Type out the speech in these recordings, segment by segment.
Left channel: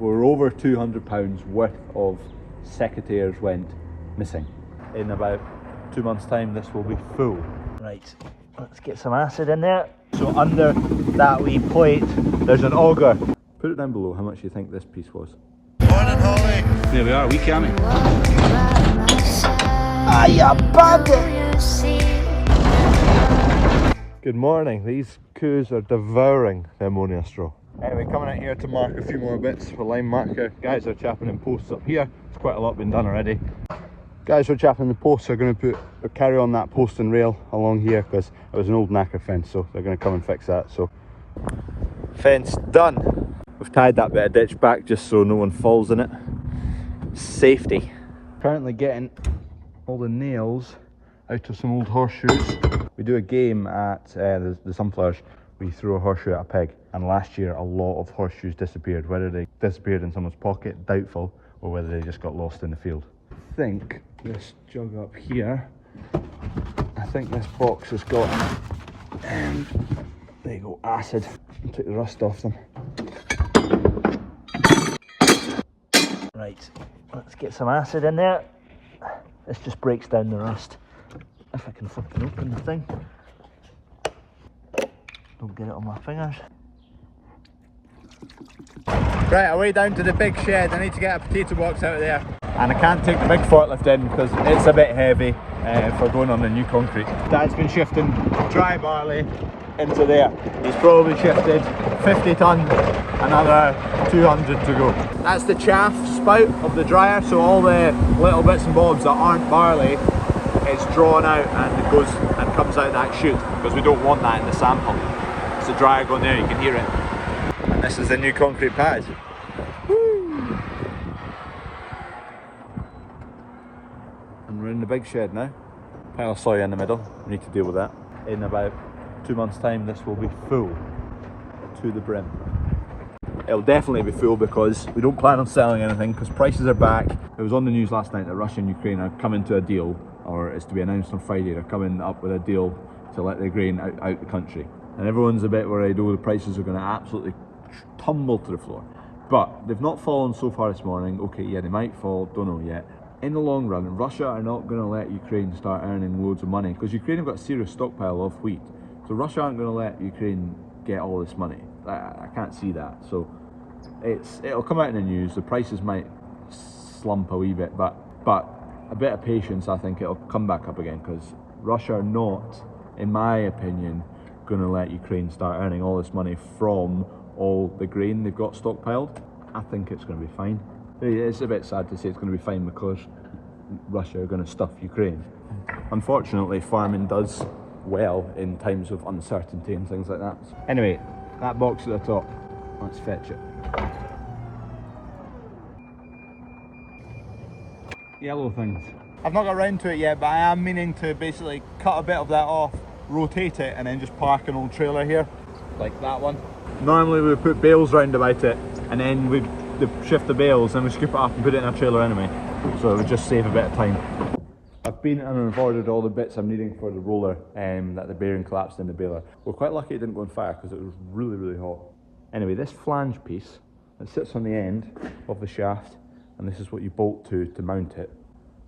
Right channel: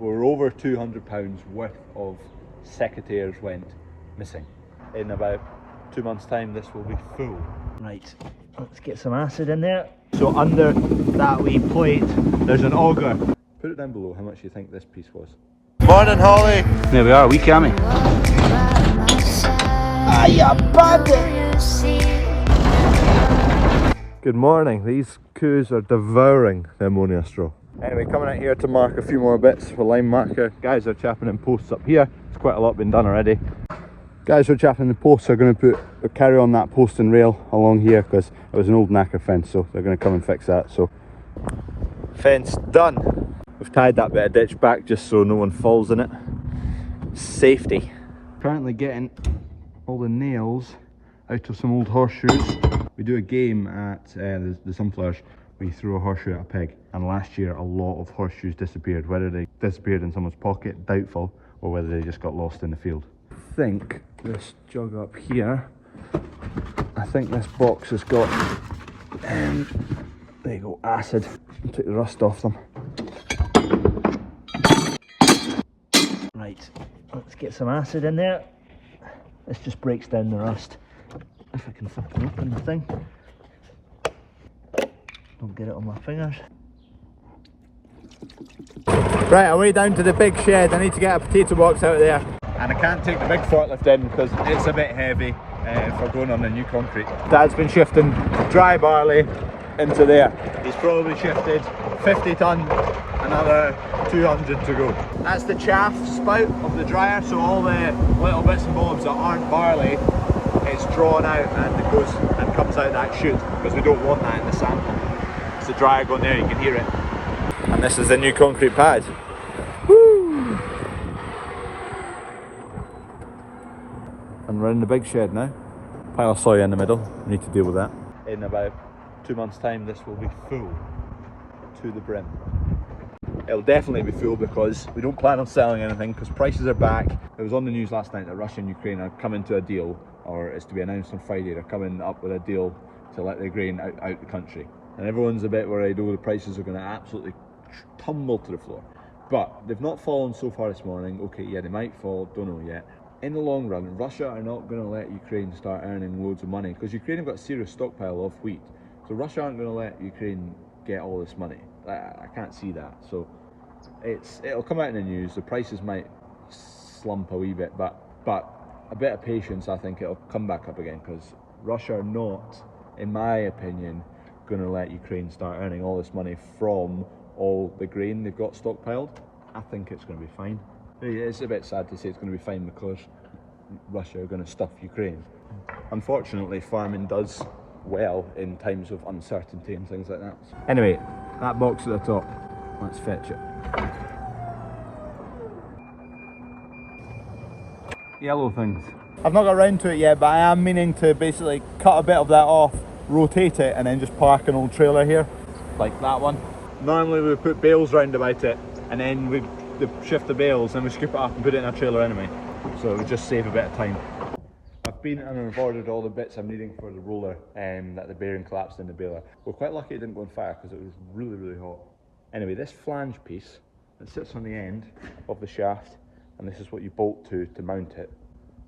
we're over £200 worth of secateurs went missing. In about 2 months' time, this will be full. Right, let's get some acid in there. So under that wee plate, there's an auger. Put it down below how much you think this piece was. Morning, Holly. There we are, wee cammy. Ah, you bugger! Good morning. These coos are devouring the ammonia straw. Anyway, coming out here to mark a few more bits for lime marker. Guys are chapping in posts up here. There's quite a lot been done already. Guys who are chapping the posts are going to carry on that post and rail along here because it was an old knacker fence, so they're going to come and fix that. So, fence done. We've tied that bit of ditch back just so no one falls in it. Safety. Currently getting all the nails out of some old horseshoes. We do a game at the sunflowers. We throw a horseshoe at a pig, and last year a lot of horseshoes disappeared. Whether they disappeared in someone's pocket, doubtful, or whether they just got lost in the field. I think this jug up here, I think this box has got, there you go, acid. I'll take the rust off them. Right, let's get some acid in there. This just breaks down the rust. If I can flipping open the thing. Don't get it on my fingers. Right, I'm way down to the big shed. I need to get a potato box out there. And I can't take the big forklift in because it's a bit heavy for going on the new concrete. Dad's been shifting dry barley into there. He's probably shifted 50 tonne, another 200 to go. That's the chaff spout of the dryer, so all the little bits and bobs that aren't barley is drawn out and it goes and comes out that chute because we don't want that in the sample. It's the dryer going there, you can hear it. And this is the new concrete pad. Woo! And we're in the big shed now. Pile of soy in the middle, we need to deal with that. In about 2 months' time, this will be full to the brim. It'll definitely be full because we don't plan on selling anything because prices are back. It was on the news last night that Russia and Ukraine are coming to a deal, or it's to be announced on Friday, they're coming up with a deal to let the grain out the country. And everyone's a bit worried, oh, the prices are going to absolutely tumble to the floor. But they've not fallen so far this morning. Okay, yeah, they might fall, don't know yet. In the long run, Russia are not going to let Ukraine start earning loads of money because Ukraine have got a serious stockpile of wheat. So Russia aren't going to let Ukraine get all this money. I can't see that. So it'll come out in the news. The prices might slump a wee bit, but a bit of patience, I think it'll come back up again because Russia are not, in my opinion, going to let Ukraine start earning all this money from all the grain they've got stockpiled. I think it's going to be fine. It's a bit sad to say it's going to be fine because Russia are going to stuff Ukraine. Unfortunately, farming does well in times of uncertainty and things like that. Anyway, that box at the top, let's fetch it. Yellow things. I've not got around to it yet, but I am meaning to basically cut a bit of that off, rotate it, and then just park an old trailer here, like that one. Normally we put bales round about it, and then we shift the bales, and we scoop it up and put it in a trailer anyway. So it would just save a bit of time. I've been and I've ordered all the bits I'm needing for the roller that the bearing collapsed in the baler. We're quite lucky it didn't go on fire because it was really, really hot. Anyway, this flange piece that sits on the end of the shaft, and this is what you bolt to mount it.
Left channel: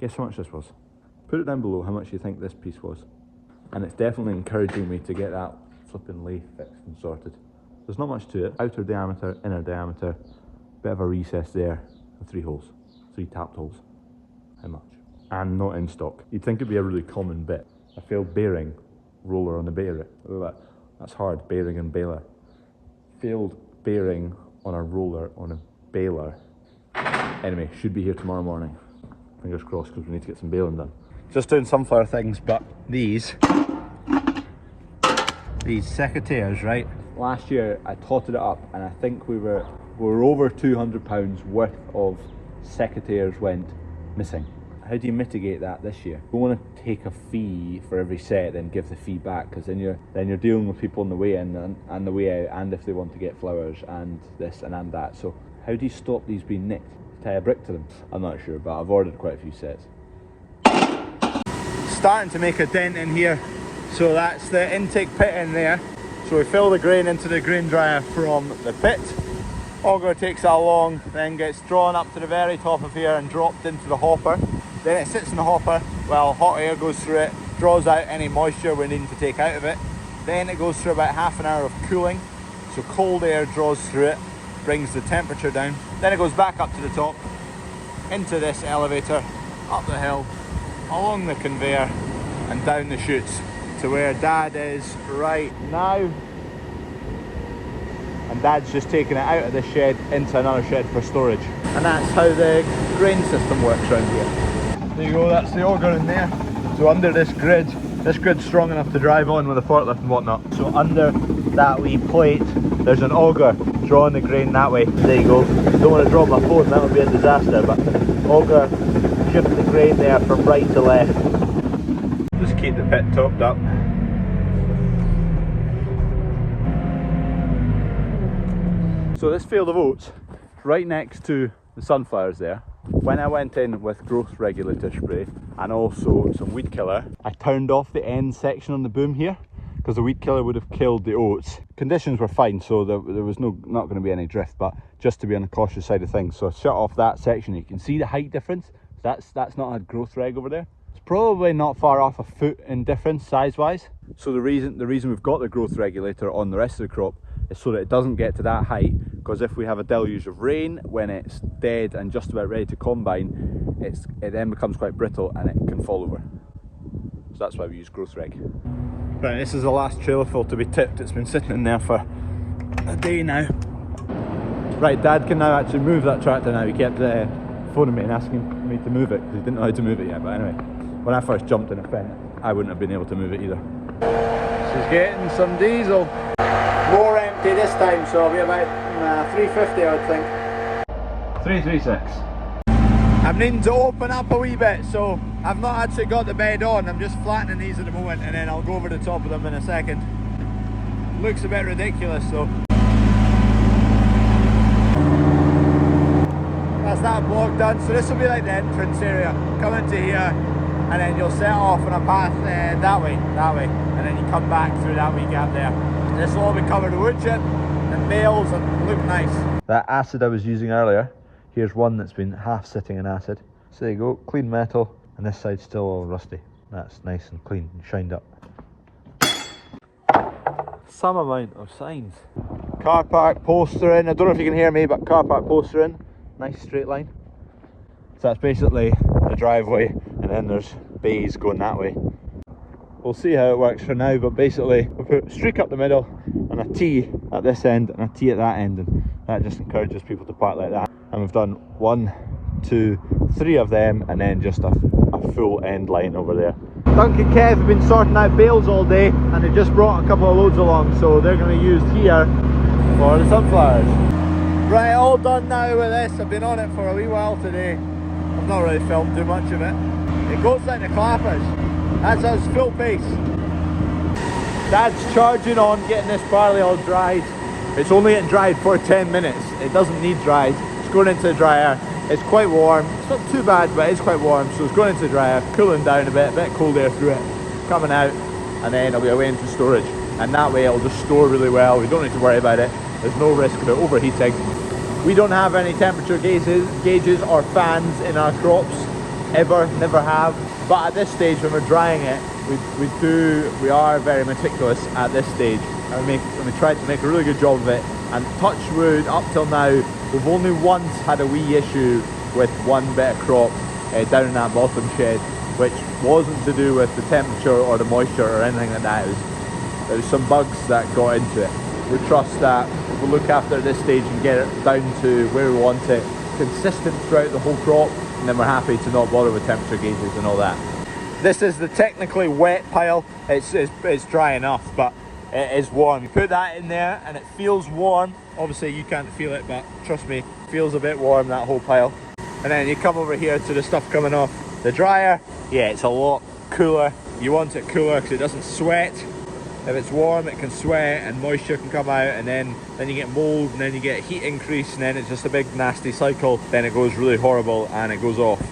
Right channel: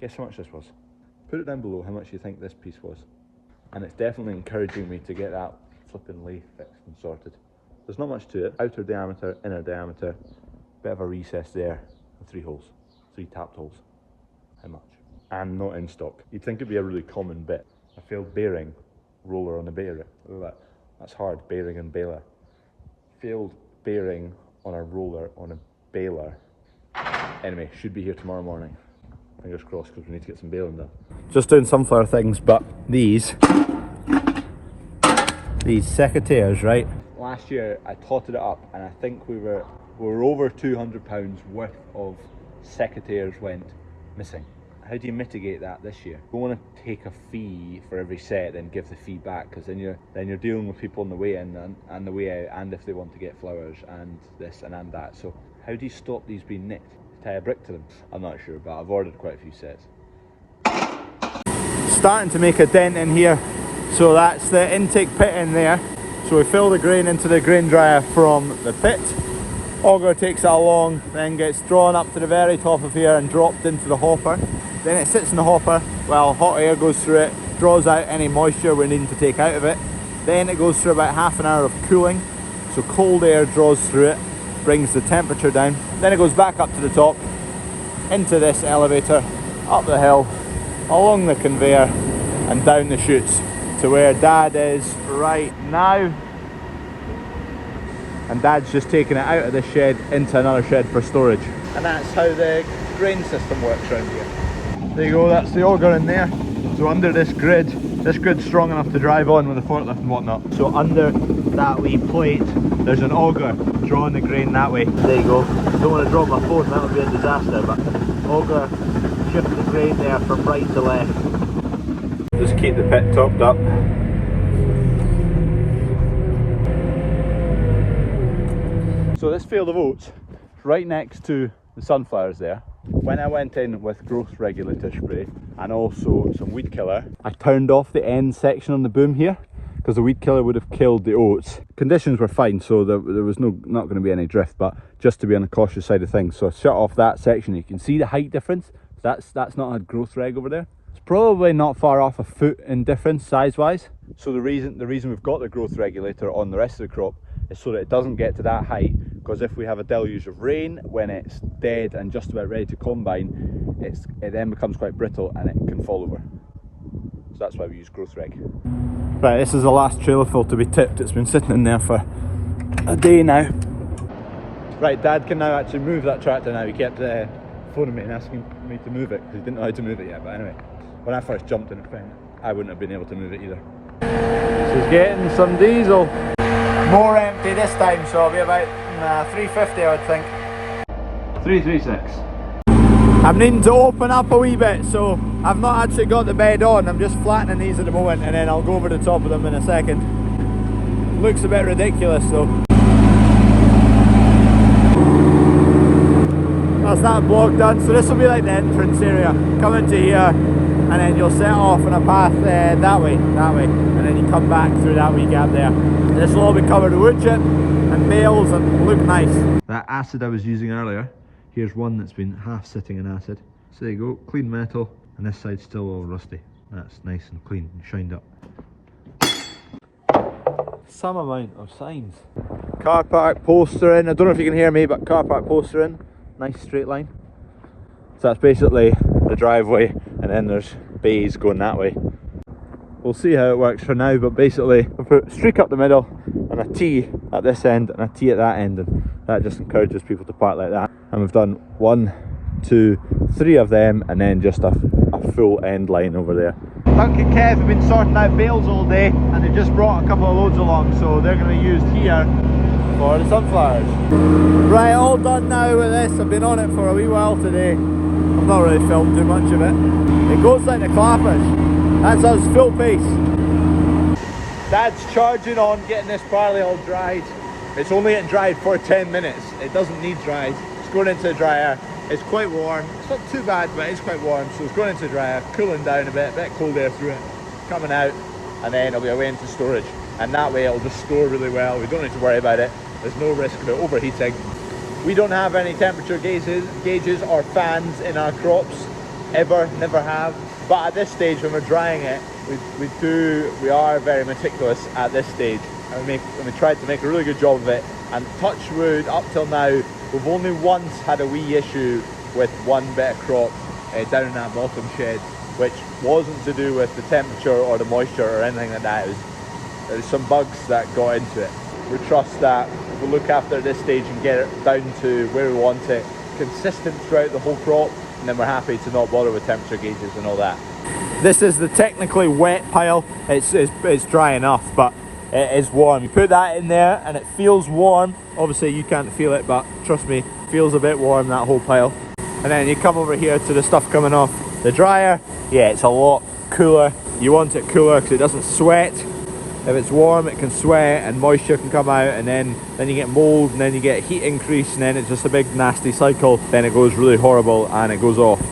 Guess how much this was? Put it down below how much you think this piece was. And it's definitely encouraging me to get that flipping lathe fixed and sorted. There's not much to it. Outer diameter, inner diameter, bit of a recess there, and 3 holes, 3 tapped holes. How much? And not in stock. You'd think it'd be a really common bit. A failed bearing roller on the baler. Look at that. That's hard, bearing and baler. Failed bearing on a roller on a baler. Anyway, should be here tomorrow morning. Fingers crossed because we need to get some baling done. Just doing sunflower things, but these secateurs, right? Last year I totted it up and I think we were over £200 worth of secateurs went missing. How do you mitigate that this year? You don't want to take a fee for every set then give the fee back, because then you're dealing with people on the way in and the way out, and if they want to get flowers and this and that. So how do you stop these being nicked? Tie a brick to them? I'm not sure, but I've ordered quite a few sets. Starting to make a dent in here, so that's the intake pit in there. So we fill the grain into the grain dryer from the pit, Auger takes it along, then gets drawn up to the very top of here and dropped into the hopper. Then it sits in the hopper while hot air goes through it, draws out any moisture we're needing to take out of it. Then it goes through about half an hour of cooling, so cold air draws through it, brings the temperature down. Then it goes back up to the top, into this elevator, up the hill, along the conveyor, and down the chutes to where Dad is right now. And Dad's just taking it out of this shed into another shed for storage. And that's how the grain system works around here. There you go, that's the auger in there. So under this grid's strong enough to drive on with a forklift and whatnot. So under that wee plate, there's an auger drawing the grain that way. There you go. Don't want to drop my phone, that would be a disaster, but auger shifts the grain there from right to left. Just keep the pit topped up. So this field of oats, right next to the sunflowers there, when I went in with growth regulator spray and also some weed killer, I turned off the end section on the boom here because the weed killer would have killed the oats. Conditions were fine, so there was not going to be any drift, but just to be on the cautious side of things. So I shut off that section. You can see the height difference. That's not had growth reg over there. It's probably not far off a foot in difference size wise. So the reason we've got the growth regulator on the rest of the crop is so that it doesn't get to that height, because if we have a deluge of rain when it's dead and just about ready to combine, it then becomes quite brittle and it can fall over. So that's why we use growth reg. Right, this is the last trailer full to be tipped. It's been sitting in there for a day now. Right, Dad can now actually move that tractor now. He kept phoning me and asking me to move it because he didn't know how to move it yet. But anyway, when I first jumped in a pen, I wouldn't have been able to move it either. This is getting some diesel. More empty this time, so it'll be about 350 I would think. 336. I'm needing to open up a wee bit, so I've not actually got the bed on. I'm just flattening these at the moment and then I'll go over the top of them in a second. Looks a bit ridiculous though. That's that block done. So this will be like the entrance area. Come into here and then you'll set off on a path that way, and then you come back through that wee gap there. This will all be covered with wood chip and bales and look nice. That acid I was using earlier, here's one that's been half sitting in acid. So there you go, clean metal, and this side's still all rusty. That's nice and clean and shined up. Some amount of signs. Car park postering, I don't know if you can hear me, but car park postering, nice straight line. So that's basically the driveway, and then there's bays going that way. We'll see how it works for now, but basically we put a streak up the middle and a T at this end and a T at that end, and that just encourages people to park like that. And we've done 1, 2, 3 of them, and then just a full end line over there. Dunk and Kev have been sorting out bales all day, and they just brought a couple of loads along, so they're going to be used here for the sunflowers. Right, all done now with this. I've been on it for a wee while today. I've not really filmed too much of it. It goes like the clappers. That's us full pace. Dad's charging on, getting this barley all dried. It's only getting dried for 10 minutes. It doesn't need dried. It's going into the dryer. It's quite warm. It's not too bad, but it's quite warm. So it's going into the dryer, cooling down a bit cold air through it, coming out, and then it'll be away into storage. And that way it'll just store really well. We don't need to worry about it. There's no risk of it overheating. We don't have any temperature gauges or fans in our crops. Ever, never have. But at this stage when we're drying it, we are very meticulous at this stage, and we try to make a really good job of it. And touch wood, up till now, we've only once had a wee issue with one bit of crop down in that bottom shed, which wasn't to do with the temperature or the moisture or anything like that. There's some bugs that got into it. We trust that we'll look after this stage and get it down to where we want it, consistent throughout the whole crop, and then we're happy to not bother with temperature gauges and all that. This is the technically wet pile. It's dry enough, but it is warm. You put that in there and it feels warm. Obviously you can't feel it, but trust me, it feels a bit warm, that whole pile. And then you come over here to the stuff coming off the dryer. Yeah, it's a lot cooler. You want it cooler because it doesn't sweat. If it's warm, it can sweat and moisture can come out, and then you get mold, and then you get heat increase, and then it's just a big nasty cycle. Then it goes really horrible and it goes off.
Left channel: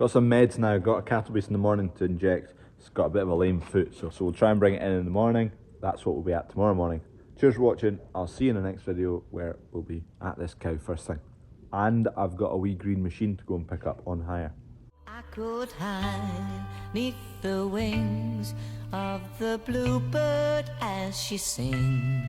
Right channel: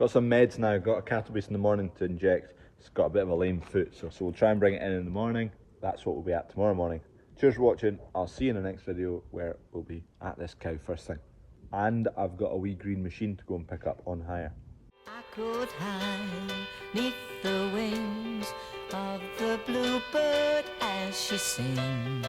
Got some meds now. Got a cattle beast in the morning to inject. It's got a bit of a lame foot, so we'll try and bring it in the morning. That's what we'll be at tomorrow morning. Cheers for watching. I'll see you in the next video where we'll be at this cow first thing. And I've got a wee green machine to go and pick up on hire. I could hide neath the wings of the bluebird as she sings.